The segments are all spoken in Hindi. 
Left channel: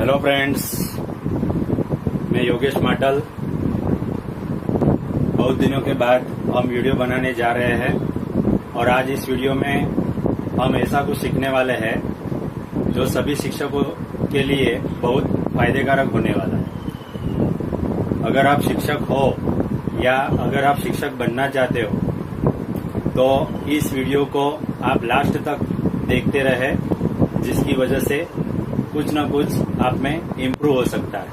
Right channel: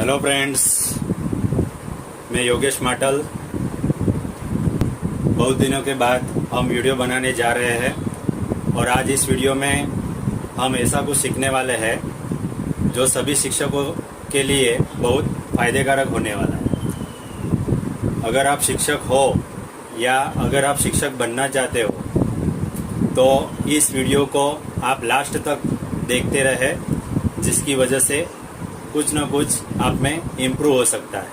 हेलो फ्रेंड्स, मैं योगेश माटल। बहुत दिनों के बाद हम वीडियो बनाने जा रहे हैं और आज इस वीडियो में हम ऐसा कुछ सीखने वाले हैं जो सभी शिक्षकों के लिए बहुत फायदेकारक होने वाला है। अगर आप शिक्षक हो या अगर आप शिक्षक बनना चाहते हो तो इस वीडियो को आप लास्ट तक देखते रहे, जिसकी वजह से कुछ न कुछ आप में इम्प्रूव हो सकता है।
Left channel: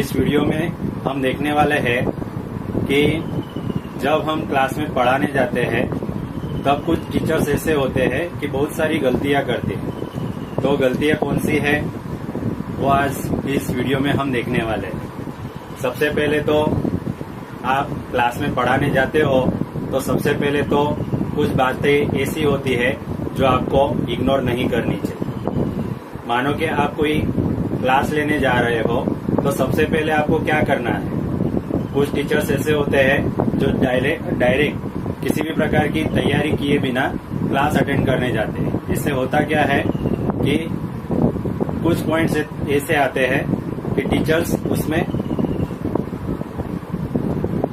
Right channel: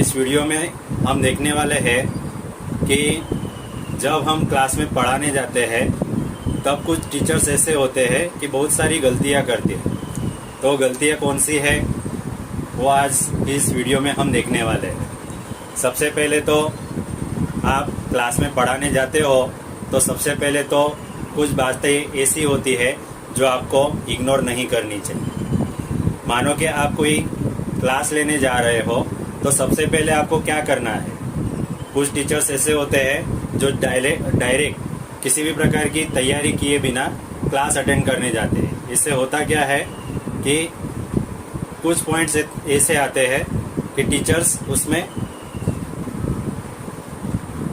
इस वीडियो में हम देखने वाले हैं कि जब हम क्लास में पढ़ाने जाते हैं तब कुछ टीचर्स ऐसे होते हैं कि बहुत सारी गलतियां करते हैं। तो गलतियां कौन सी है वो आज इस वीडियो में हम देखने वाले हैं। सबसे पहले तो आप क्लास में पढ़ाने जाते हो तो सबसे पहले तो कुछ बातें ऐसी होती है जो आपको इग्नोर नहीं करनी चाहिए। मानो कि आप कोई क्लास लेने जा रहे हो तो सबसे पहले आपको क्या करना है। कुछ टीचर्स ऐसे होते हैं जो डायरेक्ट किसी भी प्रकार की तैयारी किए बिना क्लास अटेंड करने जाते हैं। इससे होता क्या है कि कुछ पॉइंट्स ऐसे आते हैं कि टीचर्स उसमें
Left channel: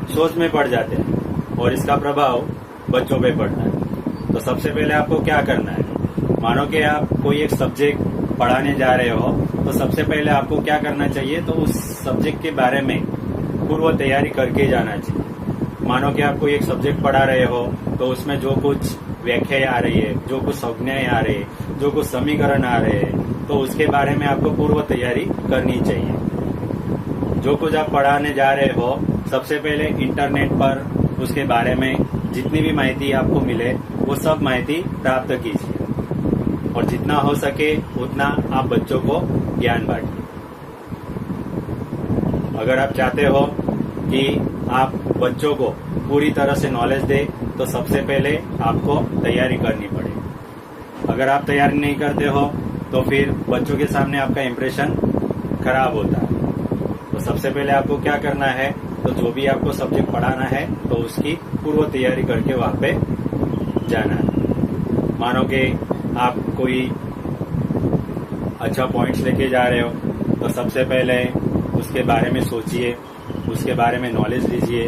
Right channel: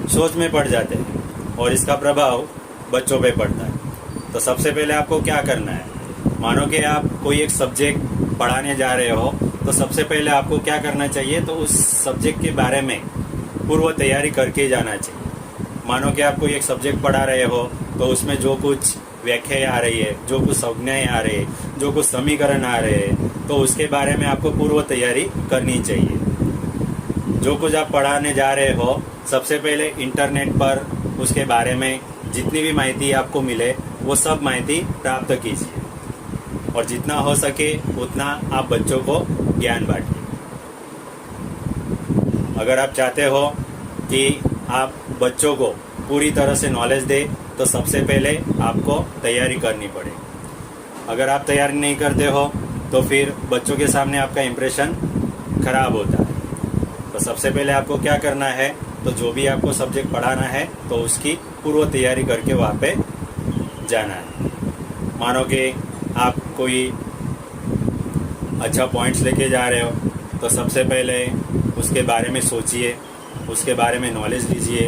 सोच में पड़ जाते हैं और इसका प्रभाव बच्चों पे पड़ता है। तो सबसे पहले आपको क्या करना है, मानो कि आप कोई एक सब्जेक्ट पढ़ाने जा रहे हो तो सबसे पहले आपको क्या करना चाहिए, तो उस सब्जेक्ट के बारे में पूर्व तैयारी करके जाना चाहिए। मानो कि आप कोई एक सब्जेक्ट पढ़ा रहे हो तो उसमें जो कुछ व्याख्याएं आ रही है, जो कुछ संज्ञाएं आ रही है, जो कुछ समीकरण आ रहे हैं, तो उसके बारे में आपको पूर्व तैयारी करनी चाहिए। जो कुछ आप पढ़ाने जा रहे हो सबसे पहले इंटरनेट पर उसके बारे में जितनी भी माहिती आपको मिले वो सब माहिती प्राप्त कीजिए और जितना हो सके उतना आप बच्चों को ज्ञान बांटिए। अगर आप चाहते हो कि आप बच्चों को पूरी तरह से नॉलेज दे तो सबसे पहले आपको तैयारी करनी पड़ेगी। अगर आप तैयारी नहीं करते हो तो फिर बच्चों के सामने आपका इम्प्रेशन खराब होता है। तो सबसे पहले आपको क्या करना है, तो जो भी आपको सब्जेक्ट पढ़ाना है तो उसकी पूर्व तैयारी करके वहाँ पे जाना है। मानो कि आप कोई अच्छा पॉइंट्स लेके जा रहे हो तो सबसे पहले उसके बारे में सोचिए, उसके बारे में नॉलेज लीजिए।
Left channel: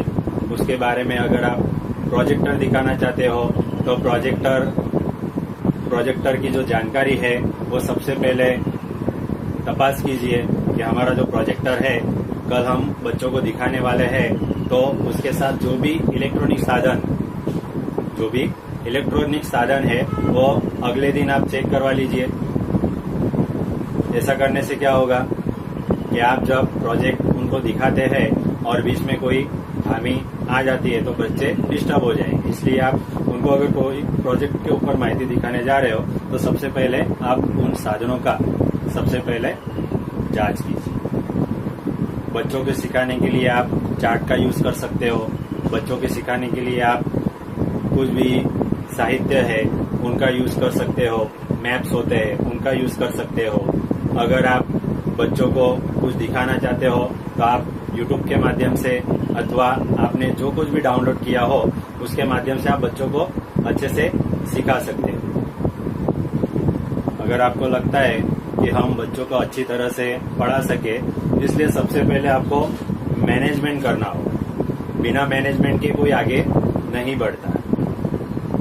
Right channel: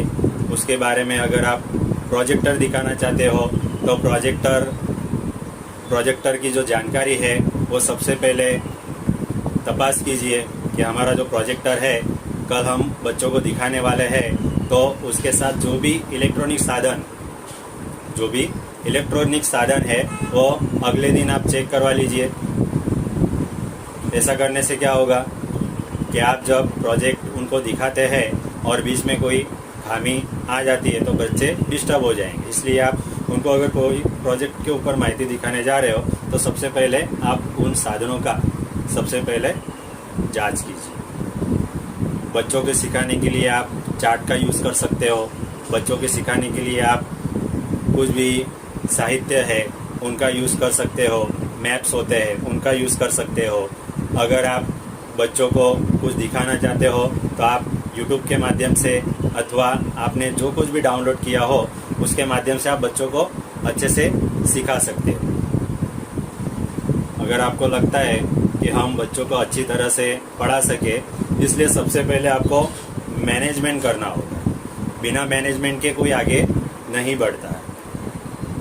उसके बारे में अगर आप प्रोजेक्टर दिखाना चाहते हो तो प्रोजेक्टर की जो जानकारी है वो सबसे पहले तपास कीजिए कि हमारा जो प्रोजेक्टर है कल हम बच्चों को दिखाने वाले हैं तो उसके साथ जो भी इलेक्ट्रॉनिक साधन है वो अगले दिन आप चेक करवा लीजिए। ऐसा करने से क्या होगा कि आप जब प्रोजेक्ट उनको दिखाते हैं और बीच में कोई खामी आ जाती है तो बच्चे डिस्टर्ब हो जाएंगे। इसलिए आप उनको अगर कोई प्रोजेक्ट के ऊपर माहिती दिखाने जा रहे हो तो सबसे पहले आप उन साधनों का सबसे पहले जांच कीजिए। बच्चों के सिखाने के लिए आप चार्ट का यूज़ कर सकते हो। बच्चों के सिखाने के लिए आप कुछ भी साहित्य है उनका यूज़ कर सकते हो। मैप्स होते हैं उनका यूज़ कर सकते हो। अगर आप बच्चों को कुछ दिखाना चाहते हो तो आप YouTube के माध्यम से अथवा आपने जो कुछ भी डाउनलोड किया हो उसके माध्यम से आप बच्चों को अच्छे से सिखा सकते हो। अगर आपको लगता है कि हम बच्चों को अच्छी तरह से पढ़ा सके, इसलिए सबसे पहले आपको मैनेजमेंट करना होगा। बिना मैनेजमेंट के कोई आगे नहीं बढ़ता है।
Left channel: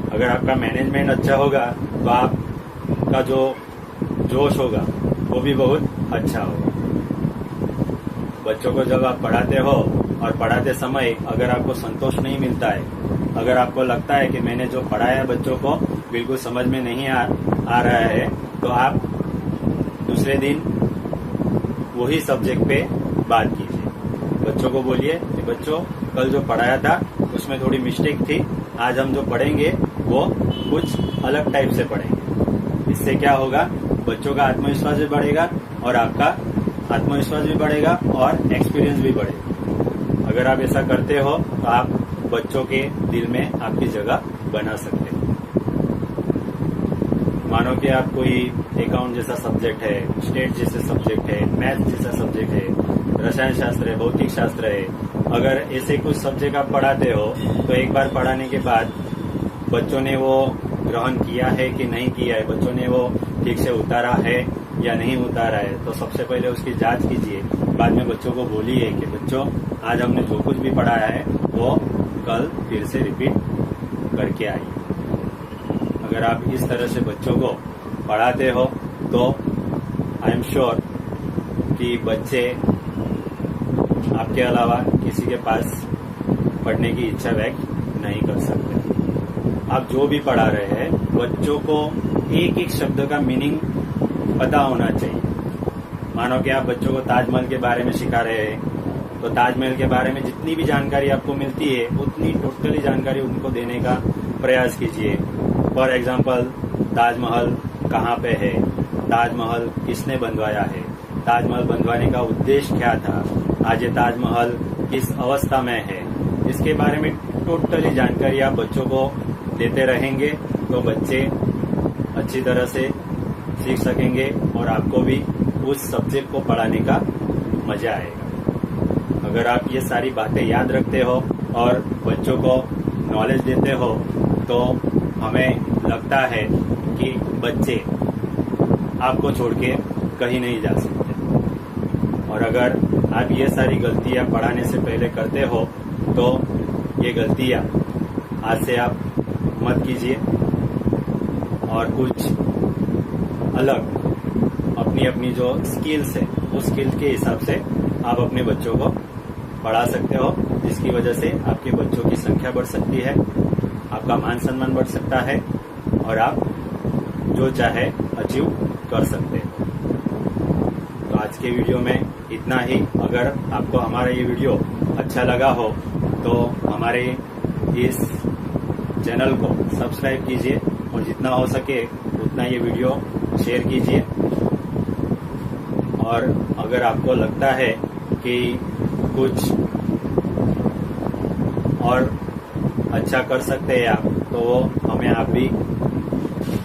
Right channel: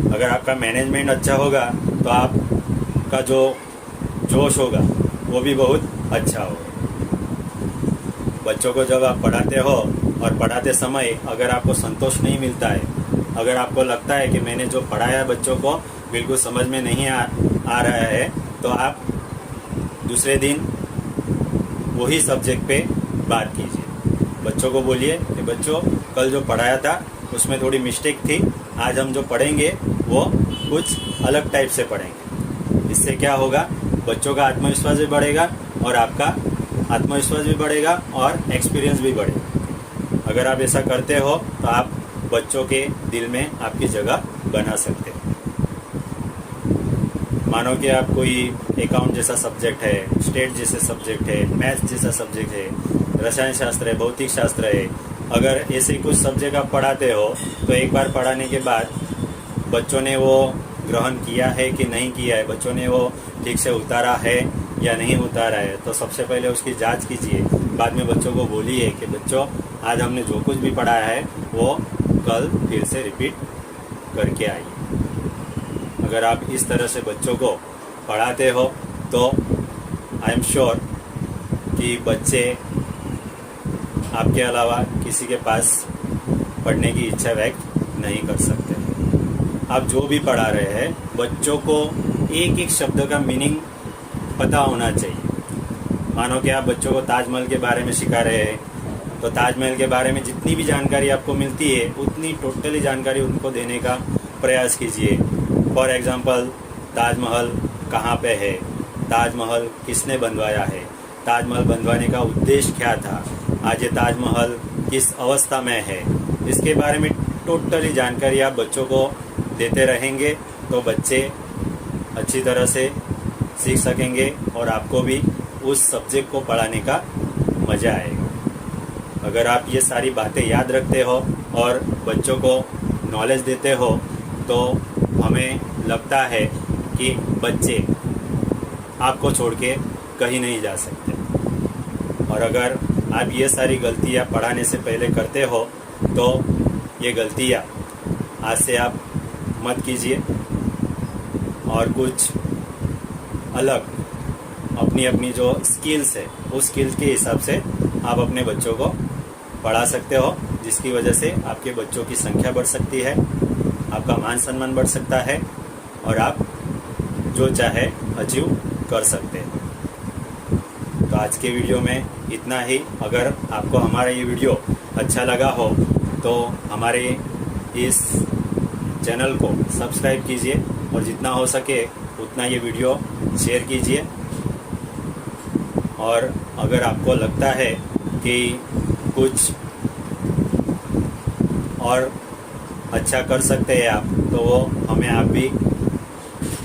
अगर आपका मैनेजमेंट अच्छा होगा तो आपका जो जोश होगा वो भी बहुत अच्छा होगा। बच्चों को जब आप पढ़ाते हो और पढ़ाते समय अगर आपको संतोष नहीं मिलता है, अगर आपको लगता है कि मैंने जो पढ़ाया बच्चों को बिल्कुल समझ में नहीं आ रहा है, तो आप दूसरे दिन वही सब्जेक्ट पे बात कीजिए। बच्चों को बोलिए कि बच्चों कल जो पढ़ाया था उसमें थोड़ी मिस्टेक थी, आज हम जो पढ़ेंगे वो कुछ अलग टाइप से पढ़ेंगे। इससे क्या होगा, बच्चों का आत्मविश्वास भी बढ़ेगा और आपका आत्मविश्वास भी बढ़ेगा और एक्सपीरियंस भी बढ़ेगा। अगर आप ऐसा करते हो तो आप बच्चों के दिल में आपकी जगह बना सकते हो। मानो कि आप कोई अकाउंट जैसा सब्जेक्ट है, स्टेट जैसे सब्जेक्ट है, मैथ्स जैसा सब्जेक्ट है, रसायन शास्त्र है, भौतिक शास्त्र है, अगर ऐसे कुछ सब्जेक्ट आप पढ़ाते हो तो एक बार पढ़ाने के बाद बच्चों ने वो ग्रहण किया है कि नहीं किया है, बच्चों ने वो ठीक से उतारा है या नहीं उतारा है, तो सबसे पहले उसकी जांच कीजिए। बाद में बच्चों को बोलिए कि बच्चों आज हमने जो कुछ भी पढ़ाया है वो कल फिर से रिपीट करके आइए। अगर आप इस तरह से बच्चों को पढ़ाते हो तो आई एम श्योर कि बच्चे आपके अलावा किसी के पास पढ़ने की इच्छा व्यक्त नहीं कर सकते। आप जो भी पढ़ा रहे हैं बच्चों को एक एक शब्द का मीनिंग पता होना चाहिए। मानो कि आप बच्चों को ताजमहल के बारे में सिखा रहे हैं, तो ताजमहल के बारे में जितनी भी जानकारी आपको मिलती है उतनी टोटली जानकारी उनको देने का प्रयास कीजिए। फॉर एग्जाम्पल, ताजमहल कहाँ पे है, ताजमहल किसने बनवाया है, ताजमहल बनवाने का उद्देश्य क्या था, आज ये ताजमहल किस अवस्था में है, इसके बारे में टोटली जानकारी आप बच्चों को देते रहेंगे तो बच्चे अच्छी तरह से सीख सकेंगे और आपको भी उस सब्जेक्ट को पढ़ाने का मजा आएगा। अगर आप ये सारी बातें याद रखते हो और बच्चों को नॉलेज देते हो तो हमें लगता है कि बच्चे आपको छोड़ के कहीं नहीं जा सकते। और अगर आप ये सारी गलतियां पढ़ाने से पहले करते हो तो ये गलतियां आज से आप मत कीजिए और कुछ अलग अपनी अपनी जो स्किल्स है उस स्किल्स के हिसाब से आप अपने बच्चों को पढ़ा सकते हो, जिसकी वजह से आपके बच्चों की संख्या बढ़ सकती है, आपका मान सम्मान बढ़ सकता है और आप जो चाहे अचीव कर सकते हैं। तो आज के वीडियो में इतना ही। अगर आपको हमारा ये वीडियो अच्छा लगा हो तो हमारे इस चैनल को सब्सक्राइब कीजिए और जितना हो सके उतना ये वीडियो शेयर कीजिए। और अगर आपको लगता है कि कुछ और अच्छा कर सकते हैं आप, तो वो हमें आप भी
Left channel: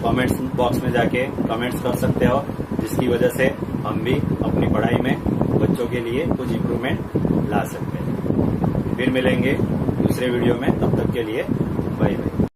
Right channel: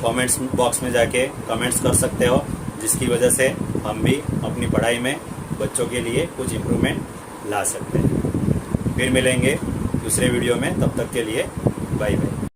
कमेंट्स बॉक्स में जाके कमेंट्स कर सकते हो, जिसकी वजह से हम भी अपनी पढ़ाई में बच्चों के लिए कुछ इम्प्रूवमेंट ला सकते हैं। फिर मिलेंगे दूसरे वीडियो में, तब तक के लिए बाय बाय।